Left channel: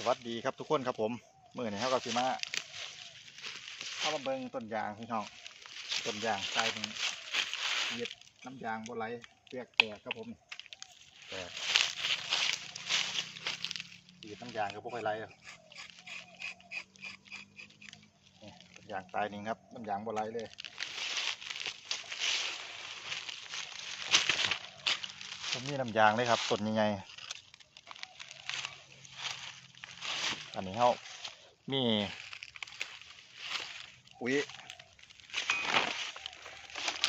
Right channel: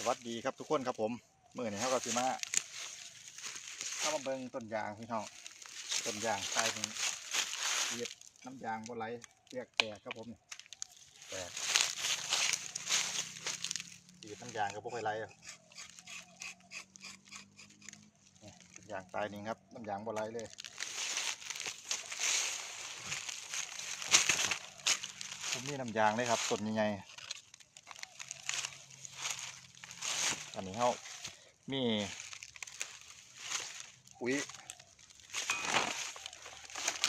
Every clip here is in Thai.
สวัสดีครับทุกคนครับผมเมื่อนี้เขาก็สิมาเข้ามาเบิงต้นยางพี่น้องต้นยางใต้นี้เหย็ดน้ำยางบนไหลเปียกแตกครับผมแตกเหย็ดน้ำยางกับพวกไหลอะนี่ต้นยางใต้นี้ครับน้ำยางบนไหลเลยผมมีน้ำยางเลยครับต้นยังไง อันนี้เขามีปุ๋ย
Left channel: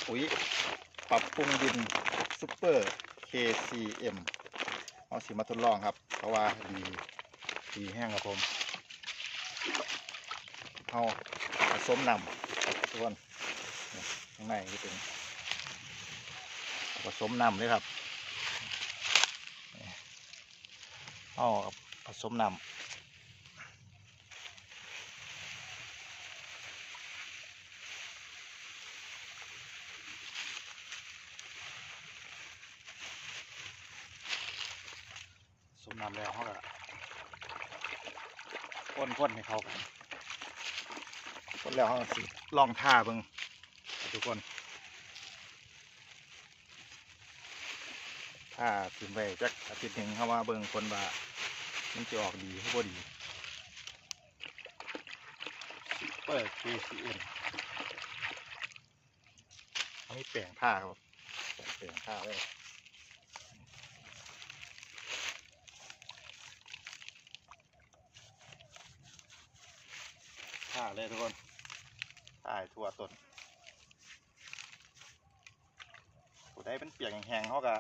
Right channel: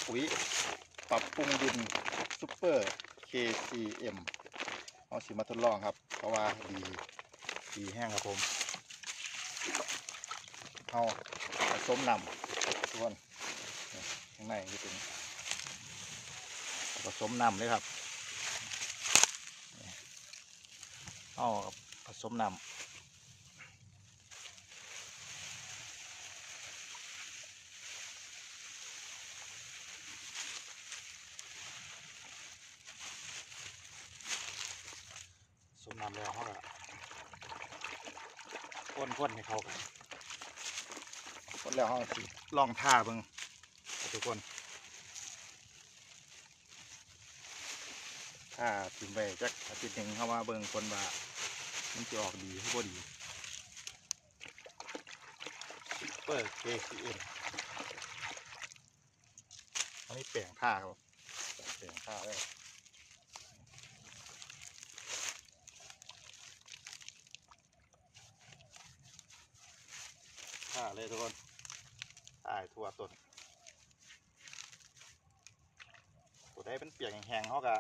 ปุ๋ยปรับปรุงดินซูเปอร์ KCM เอาสิมาทดลองครับ เพราะว่าดีดีแห้งครับผมเอาผสมนำส่วนข้างในนี่เป็นผสมนำเลยครับเอาผสมนำ น้ำแล้วเขาก็ก้นๆให้เขากันก้นแล้วเขาก็สิลองท่าเบิ่งครับทุกคนถ้าถึงไปจักอาทิตย์หนึ่งเข้ามาเบิ่งคนว่ามันจะออกดีหรือบ่ดีเปิด KCM อันนี้แปลงท่าครับแปลงท่าเลย เลยทุกคนถ่ายทั่วต้นผู้ใดเป็นเปียกแห้งๆเขาก็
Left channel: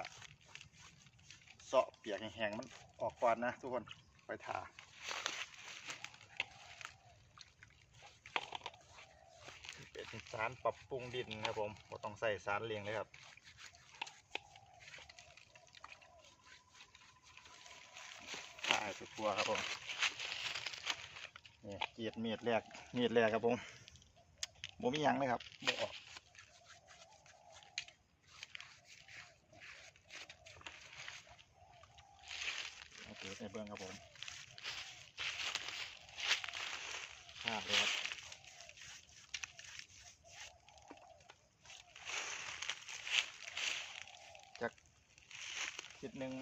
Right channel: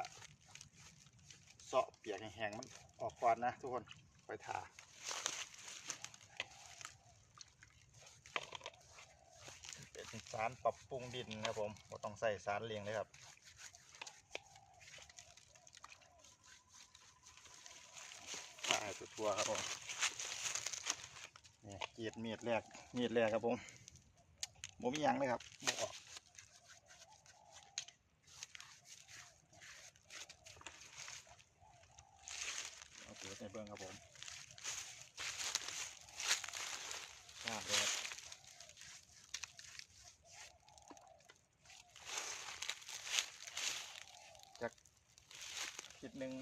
เสาะเปียกแห้งๆมันออกก่อนนะทุกคนไปถ่าเป็นสารปรับปรุงดินครับผมบ่ต้องใส่สารเลี้ยงเลยครับถ่ายทั่วครับผม นี่เกียดเมียดแรกเมียดแรกครับผมโมมียังเลยครับบออกโอเคในเบื้องครับผมข้าเลยครับจากคิดหนึ่ง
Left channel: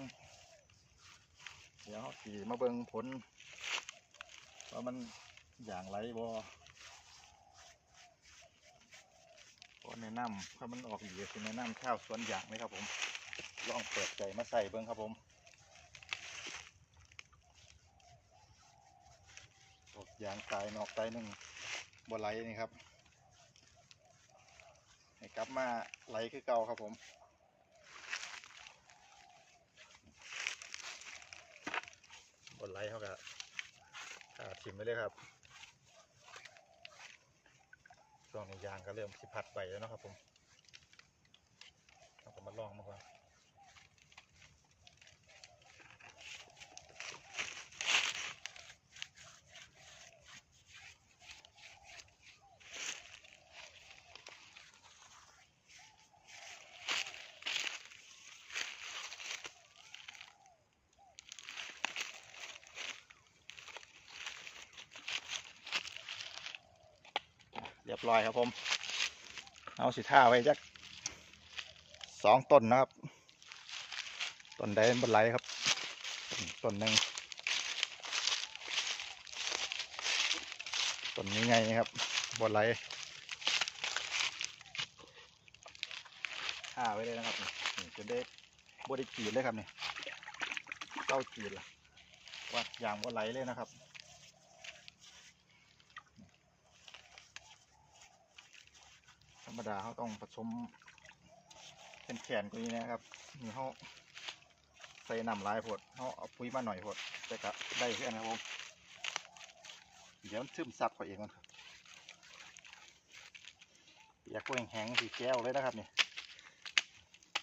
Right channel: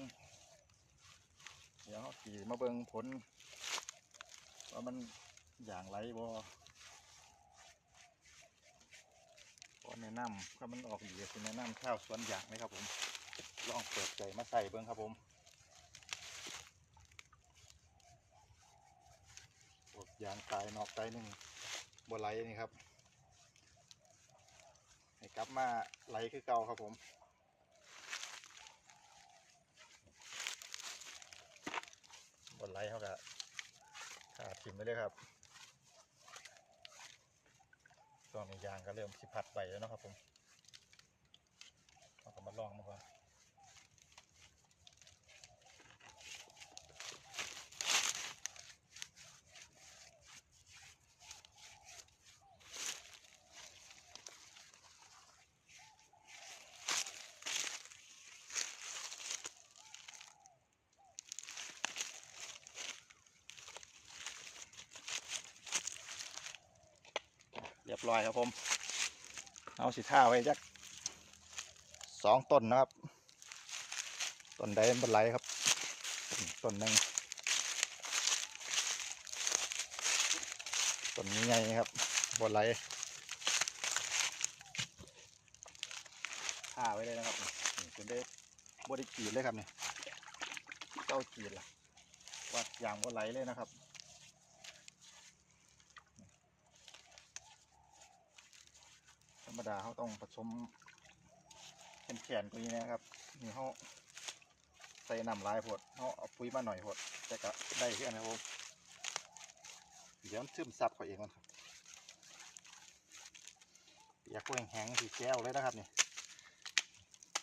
เดี๋ยวเราสีมาเบิ่งผล ว่ามันอย่างไรบ่ก็แนะนำถ้ามันออกดีคือแนะนำข้าวสวนอย่างเลยครับผม ลองเปิดใจมาใส่เบิ้งครับผมออกยางตายนอกตายหนึ่งบ่ไหลนี่ครับ ให้กลับมาไหลคือเก่าครับผมบ่ไหลเขาก็ ขาทิมไปเลยครับ ช่วงนี้ยางก็เริ่มสิพัดไปแล้วเนาะครับผมเราก็มาลองมาก่อน ยบร้อยครับผม เอาสิท่าไว้จักสองต้นนะครับ ต้นใดบนไหลครับ ต้นหนึ่งต้นนี้ไงครับบนไหลท่าไว้เลยนะครับจนได้บไดิกีดเลยครับเนี่ยเก้ากีดละว่าอย่างบนไหลเลยนะครับ รรมดาเขาต้องผสม เป็นแขนกว่านี้นะครับนี่เขาใส่น้ำลายพดเขาเอาปุ๋ยมาหน่อยพดแต่ก็ได้เพื่อนนะครับผมเดี๋ยวซึมซับเขาเองกันครับอยากกล้วยแห้งสีแก้วเลยนะครับนี่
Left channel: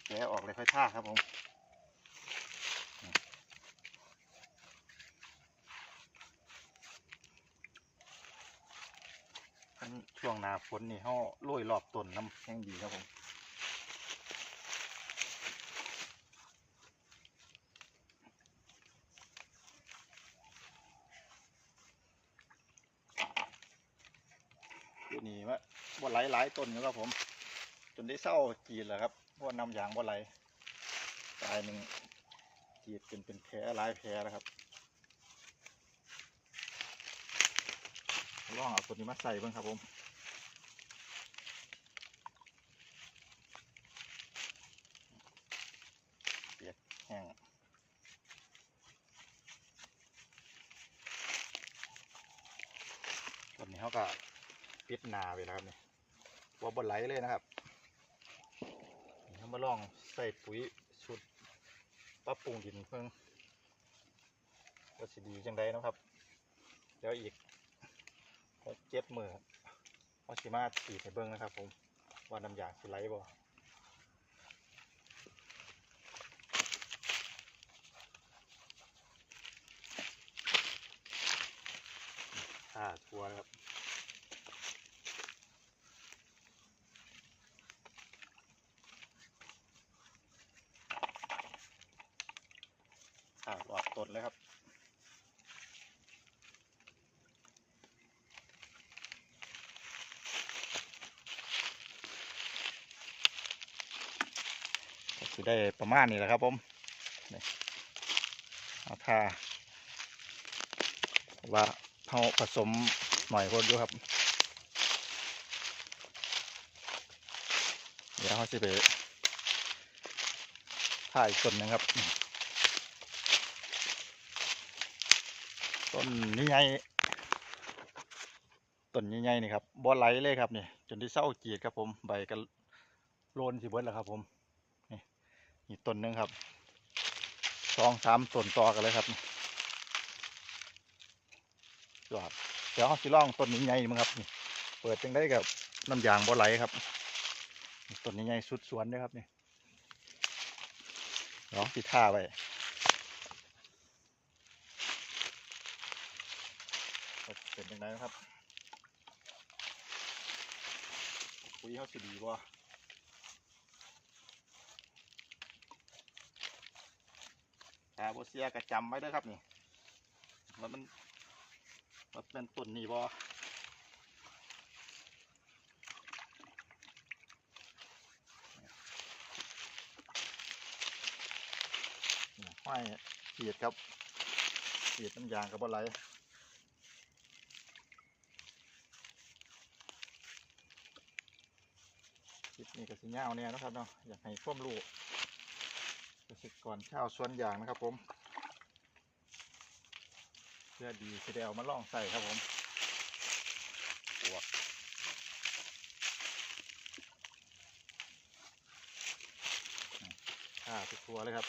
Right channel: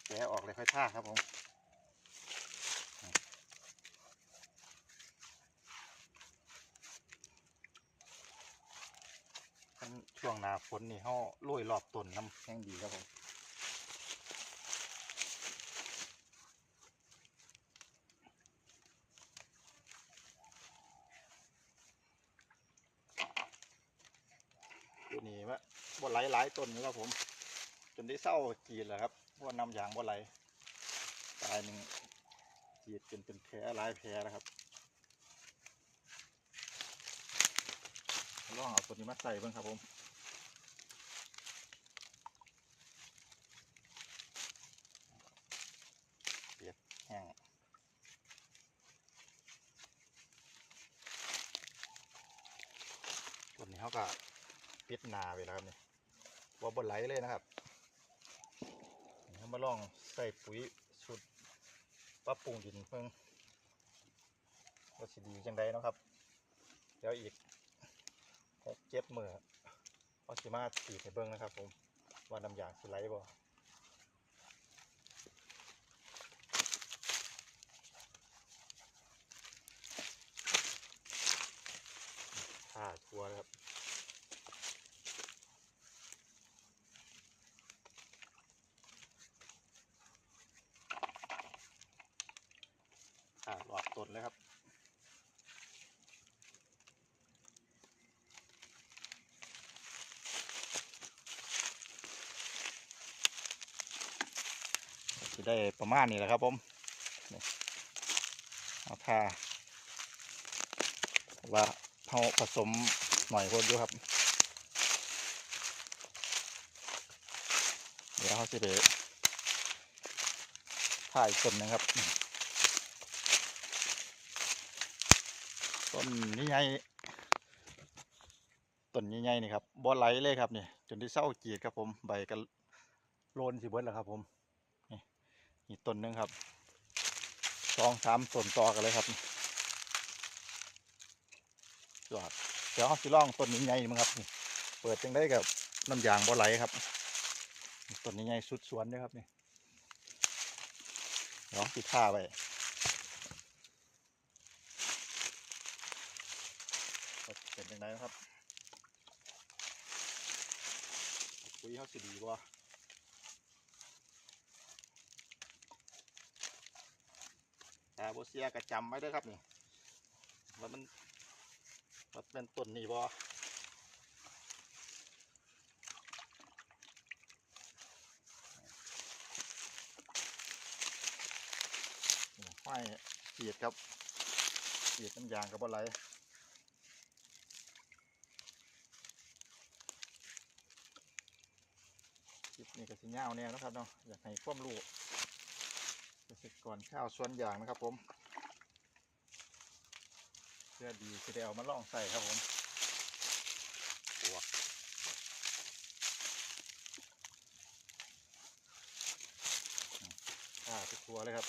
แกะออกเลยค่อยท่าครับผม ช่วงหนาฝนนี่เขาโรยรอบต้นน้ำแข็งดีครับผมตันี่ว่าบ่ไหลหลายต้นอยู่ครับผม จนได้เศร้ากีดแหละครับเพวานำอย่างบ่ไหลตายหนึ่งกีดเป็นเป็นแผลหลายแผลนะครับลองเอาต้นนี้มาใส่บ้างครับผม นี้เขาก็ปิดนาไว้แล้วครับนี่ว่าบนไหลเลยนะครับนี่เขามาลองใส่ปุ๋ยชุดปรับปรุงดินเพิ่งก็สิดีจังไดเนะครับเดี๋ยวอีกหกเจ็ดมือพอสิมาสีดให้เบิ้งนะครับ ผมว่าน้ำยางสิไหลบ่ท่าทัวร์นะครับ อ่าหลอดเลยครับสิได้ประมาณนี้แหละครับผมเอาทาว่าเขาผสมหน่อยคนอยู่ครับ เดี๋ยวเขาจะไปถ่ายต้นนึงครับ ต้นนี้ใหญ่ต้นใหญ่ๆนี่ครับบ่ไหลเลยครับเนี่ยจนที่เศร้ากรีดครับผมใบก็โลนสิเบิดแล้วครับผมนี่ต้นหนึ่งครับสองสามต้นต่อกันเลยครับนี่ยอดเดี๋ยวเขาสิล่องต้นนี้ใหญ่มั้งครับนี่เปิดจังได้กับน้ำยางบ่ไหลครับต้นนี้ใหญ่สุดสวนเลยครับนี่เดี๋ยวสิท่าไว้ เป็นจังไดนะครับปุ๋ยเขาสิดีบ่แต่บเสียก็จำไว้ด้วยครับนี่ว่ามันว่าเป็นต้นนี่บ่ห้อยเสียดครับเสียดน้ำยางกับอะไรคลิ นี่ก็สิเงาวเนี่ยนะครับเนาะอยากให้ควมรู้เกษตรกรชาวสวนยางนะครับผมเพื่อดีจะได้เอามาล่องใส่ครับผมปวกข้าทุกตัวเลยครับ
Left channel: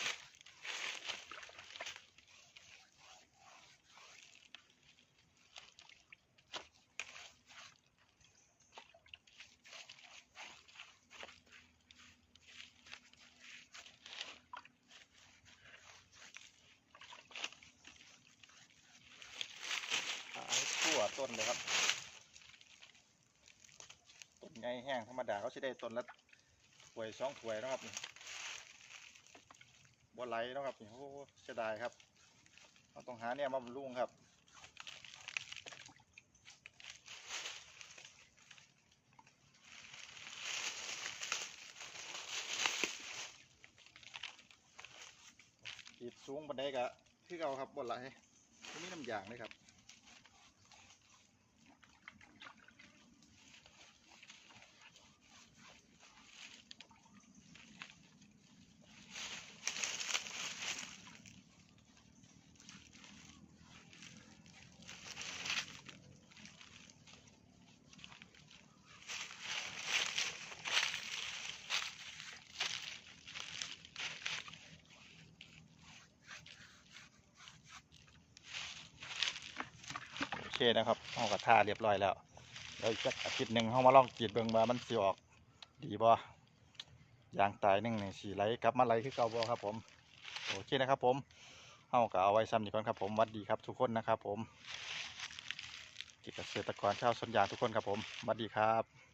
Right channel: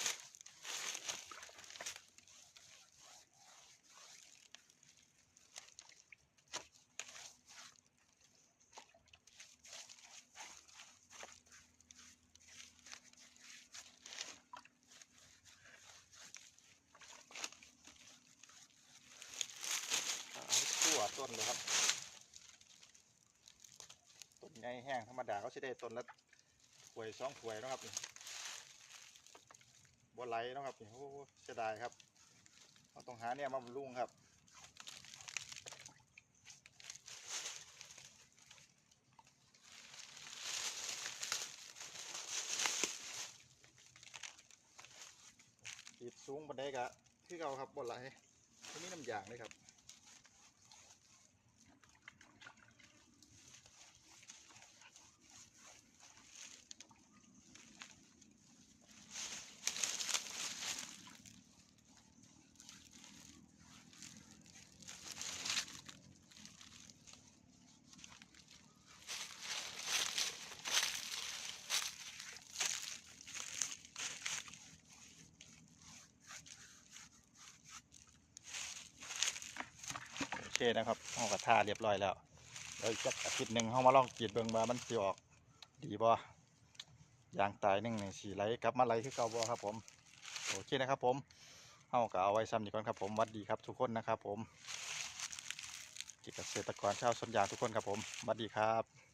หายทั่ว ต้นเลยครับต้นใหญ่แห้งธรรมดาเขาจะได้ต้นละถ้วยสองถ้วยนะครับนี่บัวไหลนะครับนี่โอ้เสียดายครับเราต้องหาเนี่ยมาบำรุงครับติดสูงบันไดกะคือเอาครับบัวไหลก็มีน้ำยางเลยครับ คนะครับห้องกระทาเรียบร้อยแล้วเดี๋ยวอีกสักอาทิตย์หนึ่งห้องมาลองกรีดเบิ่งว่ามันสิออก ดีบ่ยางตายหนึ่งหนึ่งสีไหลกลับมาไหลคือเก่าบ่ครับผมโอเคนะครับผมเอาก็เอาไว้ซ้ำนี้ก่อนครับผมวัดดีครับทุกคนนะครับผมเกษตรกรชาวสวนยางทุกคนครับผมวัดดีครับ